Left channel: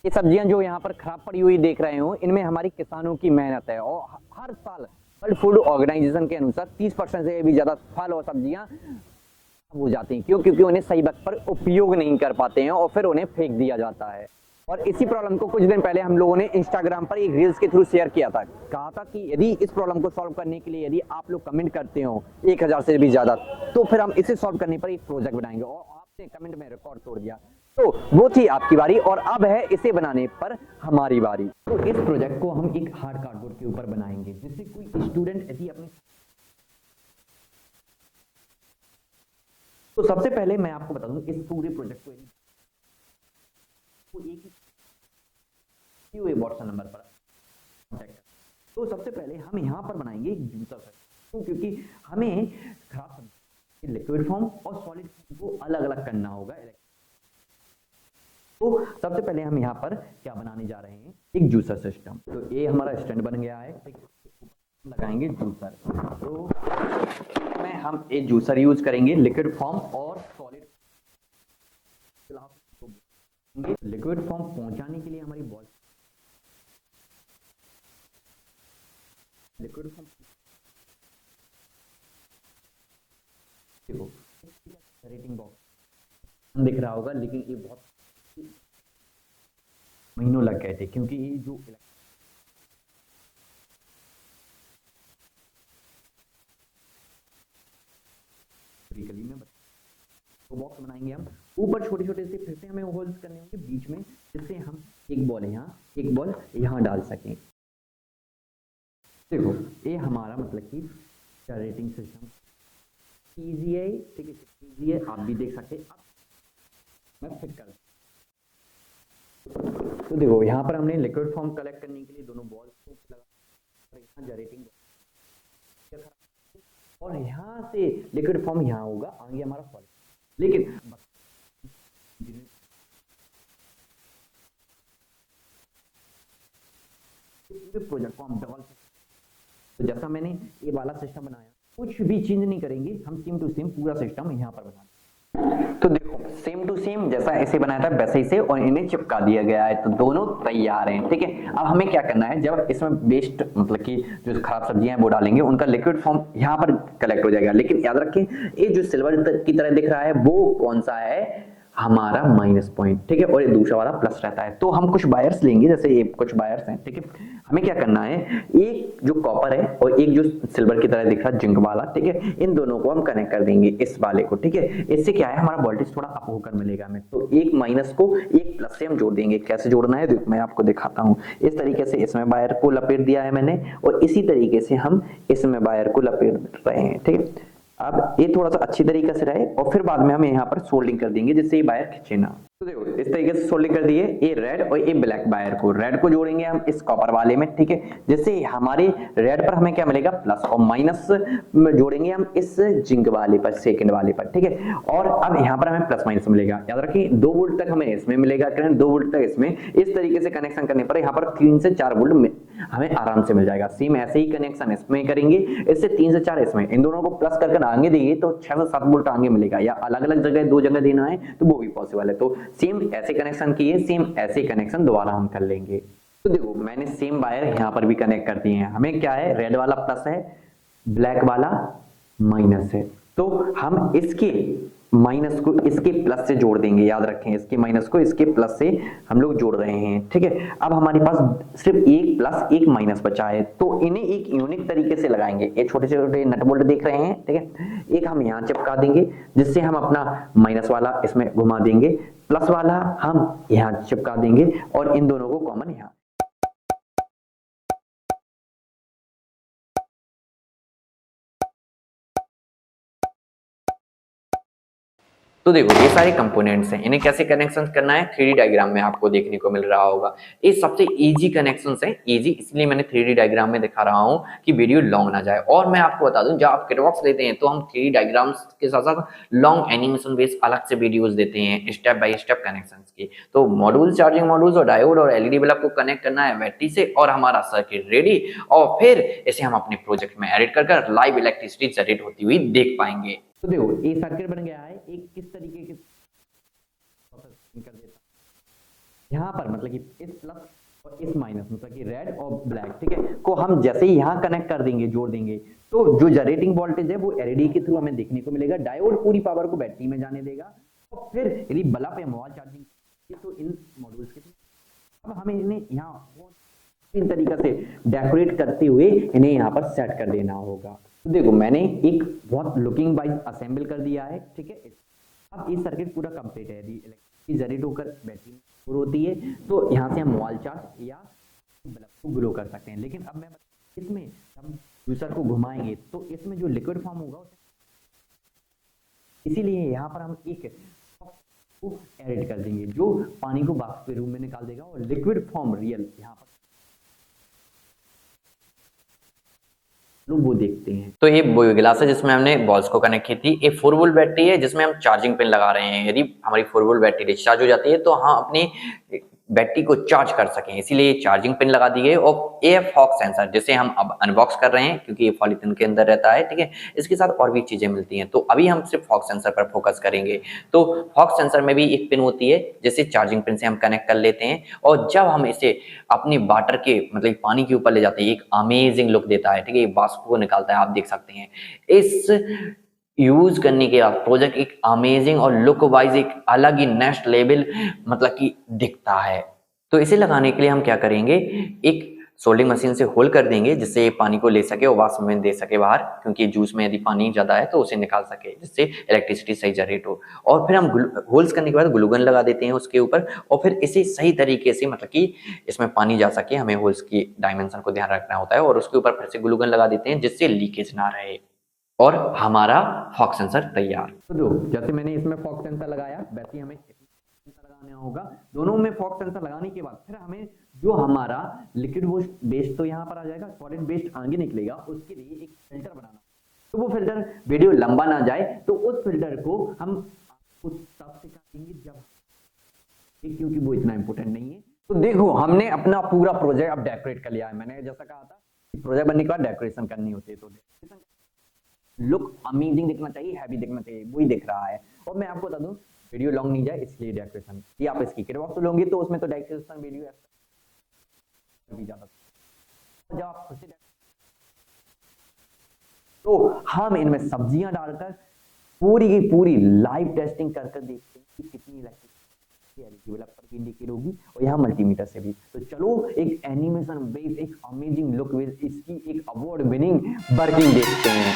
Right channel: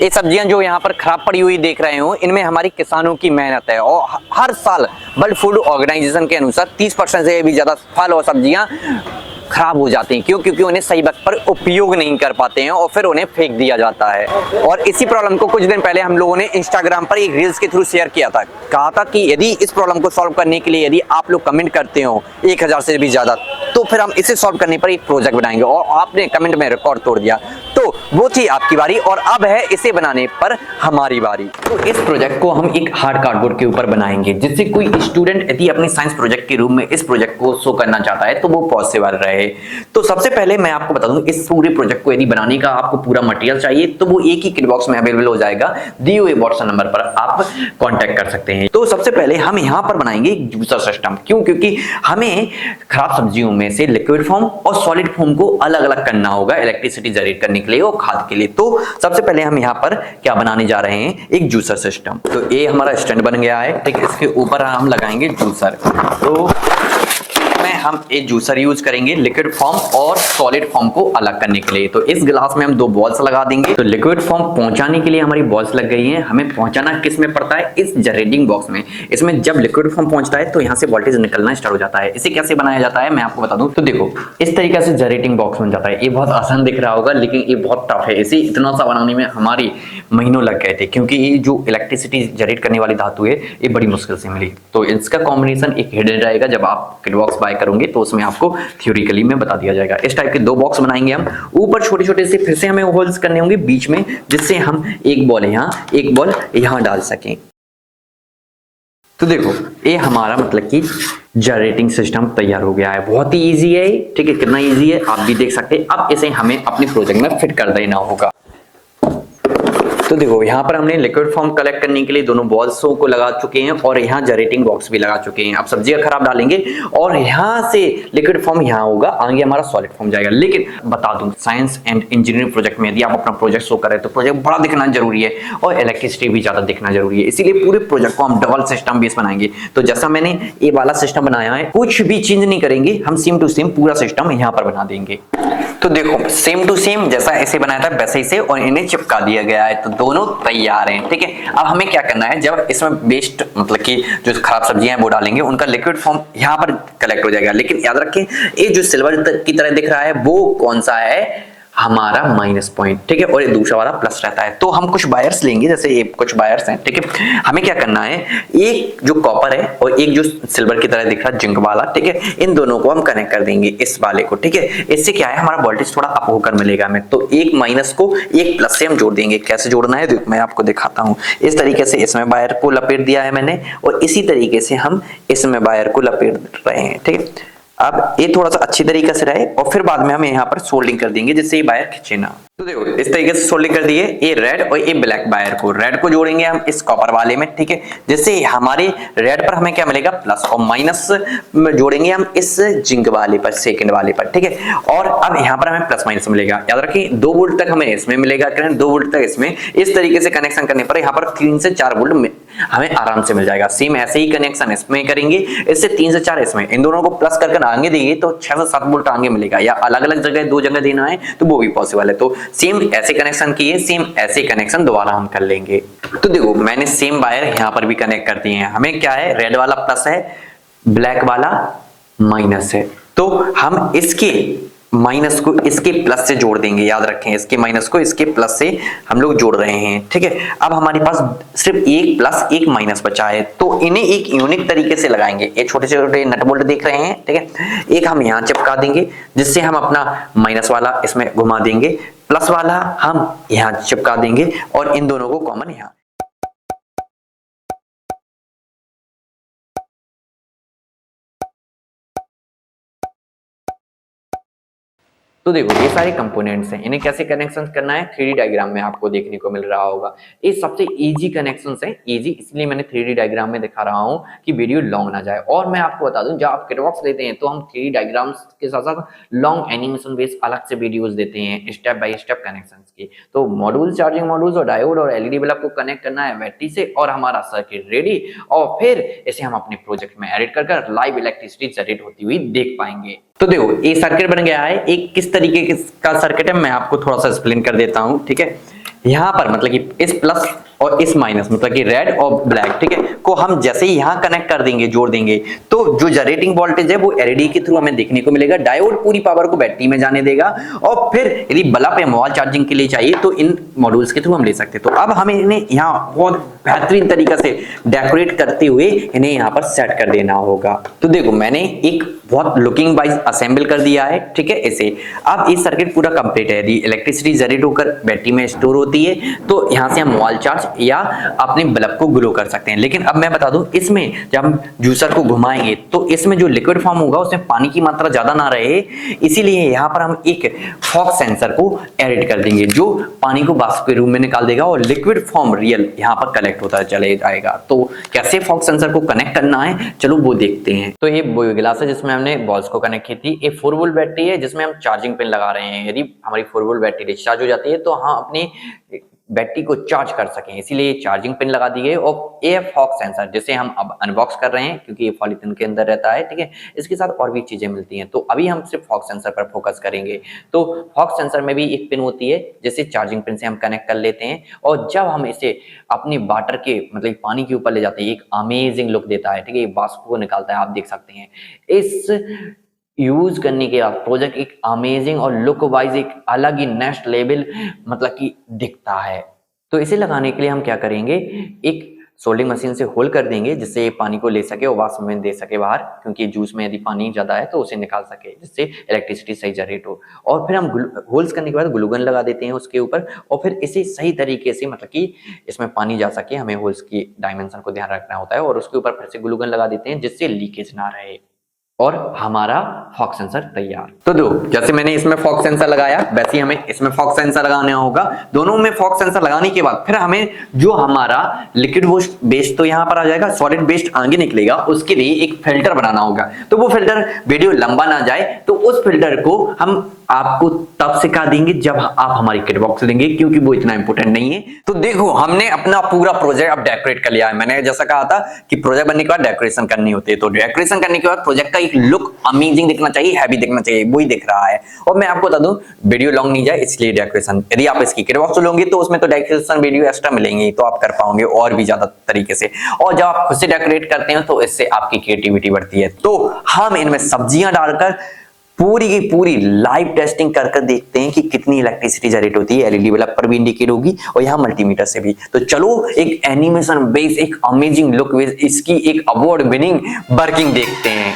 ये सब्जियां जो यहाँ पर खराब पड़ी हुई देख रहे हो, इनमें हमारी किसानों की मेहनत है और हर साल वर्ल्ड फूड ऑर्गेनाइजेशन के अनुसार 30% से भी ज्यादा फल और सब्जियां खराब हो जाती हैं। क्यों? क्योंकि उन्हें सही वक्त पर उपयोग नहीं कर पाते हैं और फिर उन्हें फेंक दिया जाता है। और इसी प्रॉब्लम को कुछ दिन पहले हम लोगों ने इंस्टाग्राम पर एक रील्स के थ्रू शेयर किया था। कहा था कि यदि इस प्रॉब्लम को सॉल्व करने के लिए यदि आप लोग कमेंट करते हो 1000 से भी ज्यादा, तो फिर हम इसे सॉल्व करने पर एक प्रोजेक्ट बनाएंगे। और आपने कमेंट में रिकॉर्ड तोड़ दिया, तो वो थी आपकी बारी और अब है इसे बनाने पर हमारी बारी। तो इस प्रोजेक्ट को हम एक हार्ड कार्डबोर्ड के ऊपर बनाएंगे, जिससे कोई स्टूडेंट यदि अपने साइंस प्रोजेक्ट के रूप में इस प्रोजेक्ट को शो करना चाहता है तो वो पॉसिबल रहे। तो सबसे पहले मैं आपको बता दूं, इस पूरे प्रोजेक्ट को यदि बनाने का आपको पूरा मटेरियल चाहिए तो वो एक ही किट बॉक्स में अवेलेबल हो जाएगा। दिए हुए व्हाट्सएप नंबर पर आप कांटेक्ट कर सकते हैं। तो सबसे पहले हम यहां पर बनाएंगे एक जूसर सिस्टम। क्यों? क्योंकि हमें खराब सब्जियों में से लिक्विड फॉर्म और सॉलिड फॉर्म को अलग अलग करना होगा इलेक्ट्रिसिटी जनरेट करने के लिए और खाद के लिए। तो सबसे पहले हम यहां पर क्या बनाने जा रहे हैं, एक जूसर सिस्टम। तो ये हमारा स्टैंड बन गया है, ठीक है। इसके ऊपर हम लगाएंगे जूसर। तो हम एक जूसर यूज करेंगे लिक्विड फॉर्म और सॉलिड फॉर्म को अलग करने के लिए। तो इस गिलास में हम 2 बॉल्स लगा देंगे। तो लिक्विड फॉर्म पहुंचाने के लिए हमारी बॉल्स लग गई हैं। हमें पहुंचाना किस में पड़ता है, इस जनरेटिंग बॉक्स में। इसमें जब लिक्विड फॉर्म पहुंचता है तो यहां से वोल्टेज निकलना स्टार्ट हो जाता है। इसे कैसे बनाया जाता है मैं आपको बता दूं। तो देखो, इस तरीके से जनरेटिंग बॉक्स बन जाता है। ये बहुत आसान दिख रहा होगा, लेकिन ये बहुत टफ है। इसे इतना सा बनाने में हमारी महीनों लग गए थे, क्योंकि ये जो इलेक्ट्रिसिटी जनरेट करने वाली धातु है ये बड़ी मुश्किल से मिली। तो इसका कॉम्बिनेशन एक हिडन रहेगा। जब आप किट बॉक्स बाय करोगे तो उसमें आपको थ्योरिकली में बता दिया जाएगा। इस टाइप के 2 बॉक्स बनाएंगे हम। ऊपर छोटे छोटे से फिर से हमें होल्स करने होंगे बीच में, जिससे हम एक बॉल यहां एक बॉल यहां डाल सकें। तो देखो, ये हमारा मतलब कि जनरेटिंग सिस्टम तैयार हो गया है। बहुत ही इजी है, ठीक है। कितना इजी है आप भी देख सकते हैं। अब इसे हमें अपने प्रोजेक्ट में फिट कर देना होगा। तो देखो, यहाँ पर हमने लिक्विड फॉर्म कलेक्ट करने के लिए दोनों बॉल्सों को लगा चुके हैं और यहाँ जनरेटिंग बॉक्स भी लगा चुके हैं। अब सब्जियां खराब डालेंगे और यहाँ से लिक्विड फॉर्म यहाँ होगा, आगे हमारा सॉलिड फॉर्म जाएगा। लेकिन बता दूं, साइंस एंड इंजीनियरिंग प्रोजेक्ट में यदि आप अपना प्रोजेक्ट शो करें तो प्रोजेक्ट बड़ा दिखना जरूरी है और इलेक्ट्रिसिटी भी ज्यादा दिखना जरूरी है। इसीलिए पूरे प्रोजेक्ट को हम डबल सिस्टम बेस बनाएंगे। तो जैसा मैंने ये वाला सिस्टम बनाया है, कुछ भी चेंज नहीं करेंगे, हम सेम टू सेम पूरा सिस्टम यहाँ पर बना देंगे। तो देखो, सेम टू सेम जैसा ऐसे बनाया था वैसे ही से और इन्हें चिपका दिया गया है। तो दोनों तैयार हैं, ठीक है। अब हमें क्या करना है, जब इसमें वेस्ट मतलब कि जो खराब सब्जियां हैं वो डालेंगे, उनका लिक्विड फॉर्म यहाँ पर कलेक्ट हो जाएगा। लेकिन याद रखें, ये जो सिल्वर की तरह दिख रहा है वो कौन सा है, हमारा माइनस पॉइंट, ठीक है। और ये दूसरा वाला प्लस रहता है। तो हम कुछ वायर्स लेंगे, जैसे ये कुछ वायर्स हैं, ठीक है। हमें क्या करना है, एक जो कॉपर है और एक जो सिल्वर की तरह दिख रहा है जिंक वाला, ठीक है, इन दोनों को हम कनेक्ट कर देंगे इस वाले को, ठीक है। इससे क्या है, हमारा वोल्टेज थोड़ा अप होकर मिलेगा हमें। तो एक माइनस को एक प्लस से हम जोड़ देंगे। कैसे जोड़ना है मैं आपको दिखाता हूं। इस तरीके से इसमें वायर को लपेट दिया है मैंने और इसी तरीके से हम इसमें वायर को लपेट रहे हैं, ठीक है। अब ये थोड़ा सा अच्छी तरीके से रहे और फिर बाद में हम यहाँ पर सोल्डिंग कर देंगे, जिससे ये वायर खींचे ना। तो देखो, इस तरीके से सोल्डिंग कर दिए। ये रेड और ये ब्लैक वायर को, रेड को जोड़ेंगे हम इस कॉपर वाले में, ठीक है। जिससे हमारे रेड पर हमें क्या मिलेगा, प्लस, और माइनस जोड़ेंगे हम इस जिंक वाले पर, सेकंड वाले पर, ठीक है। और अब यहाँ पर हमें प्लस माइनस मिलेगा। याद रखिए, 2 वोल्ट तक हमें इसमें मिलेगा करंट, 2 वोल्ट तक इसमें। इस तरीके से कनेक्शन करने पर यहाँ पर 3 से 4 वोल्ट हमें आराम से मिल जाएगा। सेम ऐसे ही कनेक्शन इसमें करेंगे, इससे 3 से 4 इसमें, इन दोनों को प्लस करके आगे देंगे तो 6 से 7 वोल्ट आगे मिलेगा। या अलग अलग जगह 2 जगह देना है तो वो भी पॉसिबल है। तो सेम ऐसे कनेक्शन किए, सेम ऐसे कनेक्शन दोबारा हम कर लेंगे। तो देखो, मैंने सेम वायर यहां पर भी कनेक्ट कर दिए हैं। हमें क्या है, रेड वाला प्लस है, ब्लैक वाला माइनस है। तो हम इसके माइनस को इसके प्लस से जोड़ देंगे। याद रखें, इसके माइनस को इसके प्लस से हम लोग जोड़ रहे हैं, ठीक है। अब हमारे पास सिर्फ एक प्लस एक माइनस बचा है, तो इन्हें एक यूनिक तरीके से लगाएंगे। ये छोटे छोटे नट बोल्ट देख रहे हैं, ठीक है। एक हम यहाँ चिपका देंगे, जिससे हम अपना माइनस वाला इसमें घुमा देंगे, प्लस वाला हम यहाँ चिपका देंगे और इन दोनों को कॉमन यहाँ। तो देखो, ये सारे कंपोनेंट्स हैं, इन्हें कैसे कनेक्शन करना है 3D डायग्राम में आपको देखने को मिल रहा होगा। ये सबसे इजी कनेक्शंस हैं, इजी इसलिए मैंने 3D डायग्राम में दिखा रहा हूं कि वीडियो लॉन्ग ना जाए। और मैं आपको बता दूं, जब आप किटबॉक्स लेते हैं तो हम 3D डायग्राम्स के साथ साथ लॉन्ग एनिमेशन बेस्ड अलग से वीडियोस देते हैं, स्टेप बाय स्टेप कनेक्शंस की। तो मॉड्यूल, चार्जिंग मॉड्यूल्स और डायोड और एलईडी बल्ब को कनेक्ट करना है बैटरी से और हमारा सर्किट रेडी, और फिर इसे हम अपने प्रोजेक्ट में एडिट कर लाइव इलेक्ट्रिसिटी जनरेट होती हुई देख पाएंगे। तो देखो, ये सर्किट बन गया है। एक किस तरीके का सर्किट है मैं आपको थोड़ा सा एक्सप्लेन कर देता हूं, ठीक है। यहाँ पर मतलब कि इस प्लस और इस माइनस मतलब कि रेड और ब्लैक, ठीक है, को हम जैसे ही यहाँ कनेक्ट कर देंगे, जोड़ देंगे, तो जो जनरेटिंग वोल्टेज है वो एलईडी के थ्रू हमें देखने को मिलेगा। डायोड पूरी पावर को बैटरी में जाने देगा और फिर यदि बल्ब या मोबाइल चार्जिंग के लिए चाहिए तो इन मॉड्यूल्स के थ्रू हम ले सकते हैं। तो अब हमें इन्हें यहाँ बहुत बेहतरीन तरीके से डेकोरेट करते हुए इन्हें यहाँ पर सेट कर देना होगा। तो देखो मैंने एक बहुत लुकिंग वाइज असेंबल कर दिया है, ठीक है, इसे। अब ये सर्किट पूरा कंप्लीट है। यदि इलेक्ट्रिसिटी जनरेट होकर बैटरी में स्टोर होती है तो यहाँ से हम मोबाइल चार्ज या अपने बल्ब को ग्लो कर सकते हैं। लेकिन अब मैं बता दूं, इसमें जब हम जूसर को घुमाएंगे तो इसमें जो लिक्विड फॉर्म होगा उसमें पानी की मात्रा ज्यादा ना रहे, इसीलिए यहाँ पर हम एक फॉग सेंसर को एड कर देंगे जो पानी को वाष्प के रूप में निकाल देगा और लिक्विड फॉर्म रियल यहाँ पर कलेक्ट होता चले जाएगा। तो कैसे फॉग सेंसर को कनेक्ट करना है चलो वो देखते हैं। तो ये वो गिलास है जिसमें हमने बॉल्स को कनेक्ट की थी। ये 4 वोल्ट बैटरी है जिसमें हम चार्जिंग पिन लगा रहे हैं। यदि हमारी 4 वोल्ट बैटरी डिस्चार्ज हो जाती है तो हम अपनी बैटरी को चार्ज कर सकें, इसीलिए चार्जिंग पिन लगा दी गई। और ये फॉग सेंसर जिसे हम अब अनबॉक्स कर रहे हैं क्योंकि ये पॉलीथिन के अंदर रहता है, ठीक है, इसके साथ और भी चीजें मिलती हैं। तो अभी हम सिर्फ फॉग सेंसर पर फोकस करेंगे। तो फॉग सेंसर में भी एक पिन होती है जिसे चार्जिंग पिन से हम कनेक्ट कर लेते हैं और जब हम इसे अपने वाटर के मतलब पानी के ऊपर ले जाते हैं एक अमेजिंग लुक देता है, ठीक है, ये वाष्प को निकालता है, आप देख सकते हैं। इस यूज करने के बाद प्रोजेक्ट एक अमेजिंग और लुक वाइज एक अलग ही नेक्स्ट लेवल मतलब कि दिखता है। तो इसे लगाने के लिए हम क्या करेंगे, एक सोल्डिंग मशीन से होल कर देंगे जिससे ये पानी को ले सके और वाष्प में दे सके बाहर, क्योंकि जूस में यदि पानी ज्यादा है तो उसे निकाल सके जिससे इलेक्ट्रिसिटी सही जनरेट हो। और फिर हम होल्स करने के बाद ग्लू गन लगा देते हैं उसके ऊपर और फिर इसे सही तरीके से मतलब कि इसमें पानी जा सके, हमें होल्स की डायमेंशन को ध्यान रखना होता है और उसके ऊपर फिर से ग्लू गन लगा देते हैं जिससे लीकेज ना रहे और हमारा फॉग सेंसर तैयार। तो दो जैसे मैंने इसमें फॉग सेंसर लगाया वैसे ही हमें इसमें फॉग सेंसर लगाना होगा। दोनों में फॉग सेंसर लगाने के बाद फिर हमें जो हमारा लिक्विड बेस्ड तो यहाँ पर आ जाएगा, सॉलिड बेस्ड आगे निकलेगा, उसके लिए एक फिल्टर बनाना होगा। तो वो फिल्टर वीडियो लंबा ना जाए तो उस फिल्टर को हम आपको तब सिखा देंगे जब आप हमारी किट बॉक्स लेंगे, क्योंकि वो इतना इंपॉर्टेंट नहीं है। तो देखो हमने अपना पूरा प्रोजेक्ट अब डेकोरेट कर लिया है। मैंने जैसा कहा था कि प्रोजेक्ट बनने के बाद डेकोरेशन करनी होती है, तो डेकोरेशन करने के बाद प्रोजेक्ट का एक लुक अमेजिंग दिखना चाहिए, हैवी दिखना चाहिए, वही दिख रहा है। और मैं आपको बता दूं वीडियो लॉन्ग नहीं जाए इसलिए डेकोरेशन, यदि आप इसकी किट बॉक्स लोगे तो उसमें तो डेकोरेशन वीडियो एक्स्ट्रा मिलेंगे तो आप कर पाओगे और भी ज्यादा तरीके से। और जब आप खुद से डेकोरेट करते हैं तो इससे आपकी क्रिएटिविटी बढ़ती है। तो हम इनमें सब्जियां डालकर पूरी की पूरी लाइव टेस्टिंग कर देखते हैं कि कितनी इलेक्ट्रिसिटी जनरेट होती है। एलईडी बल्ब पर भी इंडिकेट होगी और यहाँ मल्टीमीटर से भी। तो चलो एक एनिमेशन बेस एक अमेजिंग लुक बेस इसकी एक अवार्ड विनिंग वर्किंग देखते हैं।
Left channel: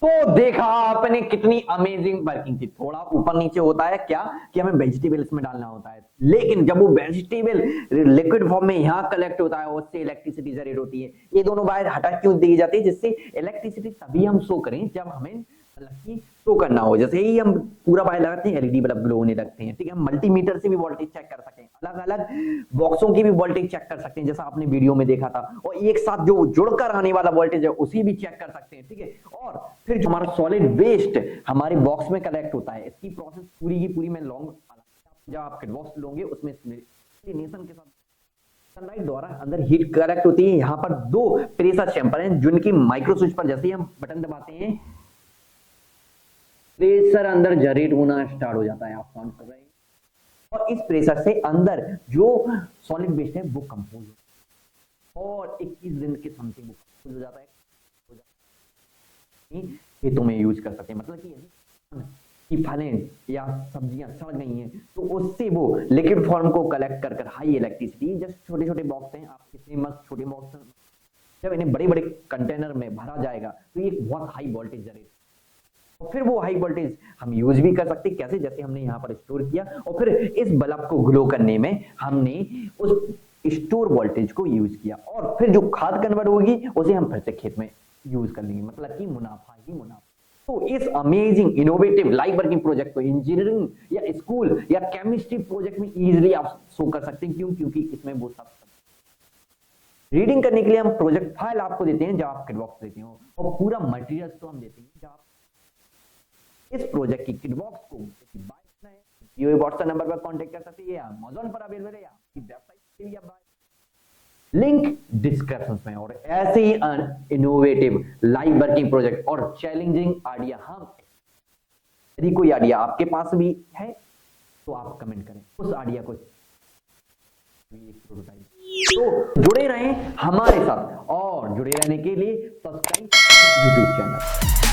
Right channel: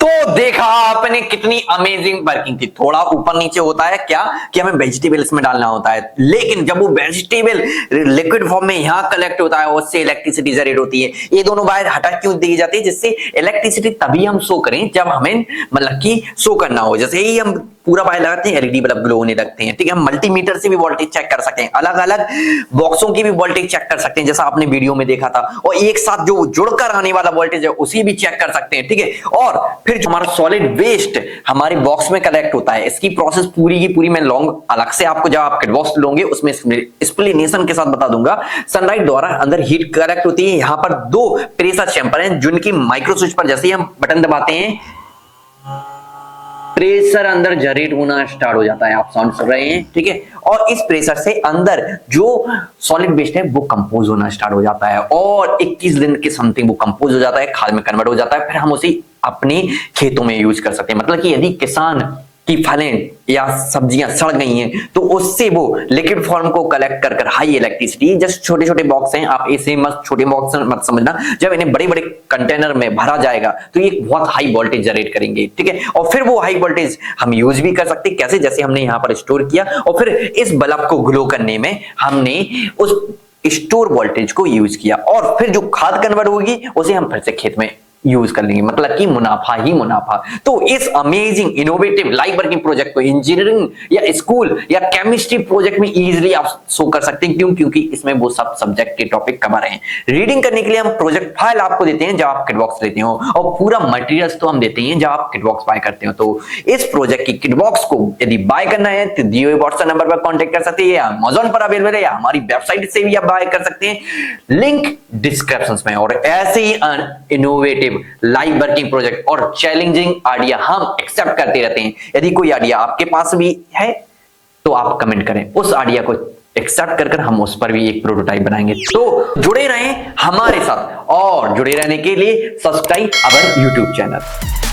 तो देखा आपने कितनी अमेजिंग वर्किंग थी। थोड़ा ऊपर नीचे होता है क्या कि हमें वेजिटेबल इसमें डालना होता है, लेकिन जब वो वेजिटेबल लिक्विड फॉर्म में यहां कलेक्ट होता है उससे इलेक्ट्रिसिटी जनरेट होती है। ये दोनों बाहर हटा क्यों दी जाती है, जिससे इलेक्ट्रिसिटी तभी हम शो करें जब हमें मतलब कि शो करना हो। जैसे ही हम पूरा बाहर लगाते हैं एलईडी बल्ब ग्लो होने लगते हैं, ठीक है। हम मल्टीमीटर से भी वोल्टेज चेक कर सकते हैं, अलग अलग बॉक्सों की भी वोल्टेज चेक कर सकते हैं जैसा आपने वीडियो में देखा था, और एक साथ जो जुड़कर आने वाला वोल्टेज है उसी भी चेक कर सकते हैं, ठीक है। और फिर जो हमारा सॉलिड वेस्ट हमारे बॉक्स में कलेक्ट होता है, इसकी प्रोसेस पूरी की पूरी मैं लॉन्ग अलग से आपको जब आप किट बॉक्स लोगे उसमें एक्सप्लेनेशन के साथ बता दूंगा। सनलाइट द्वारा अंदर हीट कलेक्ट होती है। यहाँ पर 2 प्रेशर चैंबर हैं जिनकी माइक्रो स्विच पर जैसे ही हम बटन दबाते हैं प्रेशर अंदर जनरेट होना स्टार्ट हो जाता है, आप साउंड सुन रहे हैं, ठीक है। और इस प्रेशर से अंदर जो सॉलिड वेस्ट है वो कंपोज होना स्टार्ट हो जाता है और 21 दिन के समथिंग वो कंपोज हो जाता है, खाद में कन्वर्ट हो जाता है। फिर हम उसे अपने खेतों में यूज कर सकते हैं। मतलब कि यदि किसान की फलें या सब्जियां सड़ गई हैं तो उससे वो लिक्विड फॉर्म को कलेक्ट कर हाई इलेक्ट्रिसिटी, जस्ट छोटे छोटे बॉक्स हैं, आप ऐसे मत छोटे बॉक्स मत समझना, जब इन्हें बड़े बड़े कंटेनर में भरा जाएगा तो ये बहुत हाई वोल्टेज जनरेट करेंगे, ठीक है। और फिर वो हाई वोल्टेज हम यूज भी कर सकते हैं, कैसे, जैसे हमने यहाँ पर स्टोर किया और फिर इस बल्ब को ग्लो करने में हमने उस स्टोर वोल्टेज को यूज किया और फिर जो खाद कन्वर्ट होगी उसे हम फिर से खेत में यूज कर लेंगे। मतलब कि मुनाफा ही मुनाफा। तो इस amazing innovative live working project को इंजीनियरिंग या स्कूल या केमिस्ट्री प्रोजेक्ट में इजीली आप शो कर सकते हैं। क्यों? क्योंकि इसमें वो सब सब्जेक्ट के टॉपिक कवर हैं। रीडिंग करने के लिए हम प्रोजेक्ट फाइल आपको देते हैं जब आप किटबॉक्स लेते हो और पूरा मटेरियल्स तो हम देते हैं जब आप किटबॉक्स बाय करते हो। तो इस प्रोजेक्ट की किटबॉक्स को यदि बाय करना है तो दिए हुए व्हाट्सएप नंबर पर कॉन्टेक्ट कर सकते हैं या अमेज़न पर अवेलेबल है या हमारी वेबसाइट से भी आप बाय कर सकते हैं, लिंक डिस्क्रिप्शन में। और ऐसे ही इनोवेटिव लाइव वर्किंग प्रोजेक्ट और चैलेंजिंग आइडिया हम एक्सेप्ट करते रहते हैं। यदि कोई आइडिया आपके पास भी है तो आप कमेंट करें, उस आइडिया को एक्सेप्ट कर हम उस पर भी एक प्रोटोटाइप बनाएंगे। तो जुड़े रहें हमारे साथ और जुड़े रहने के लिए सब्सक्राइब अवर यूट्यूब चैनल।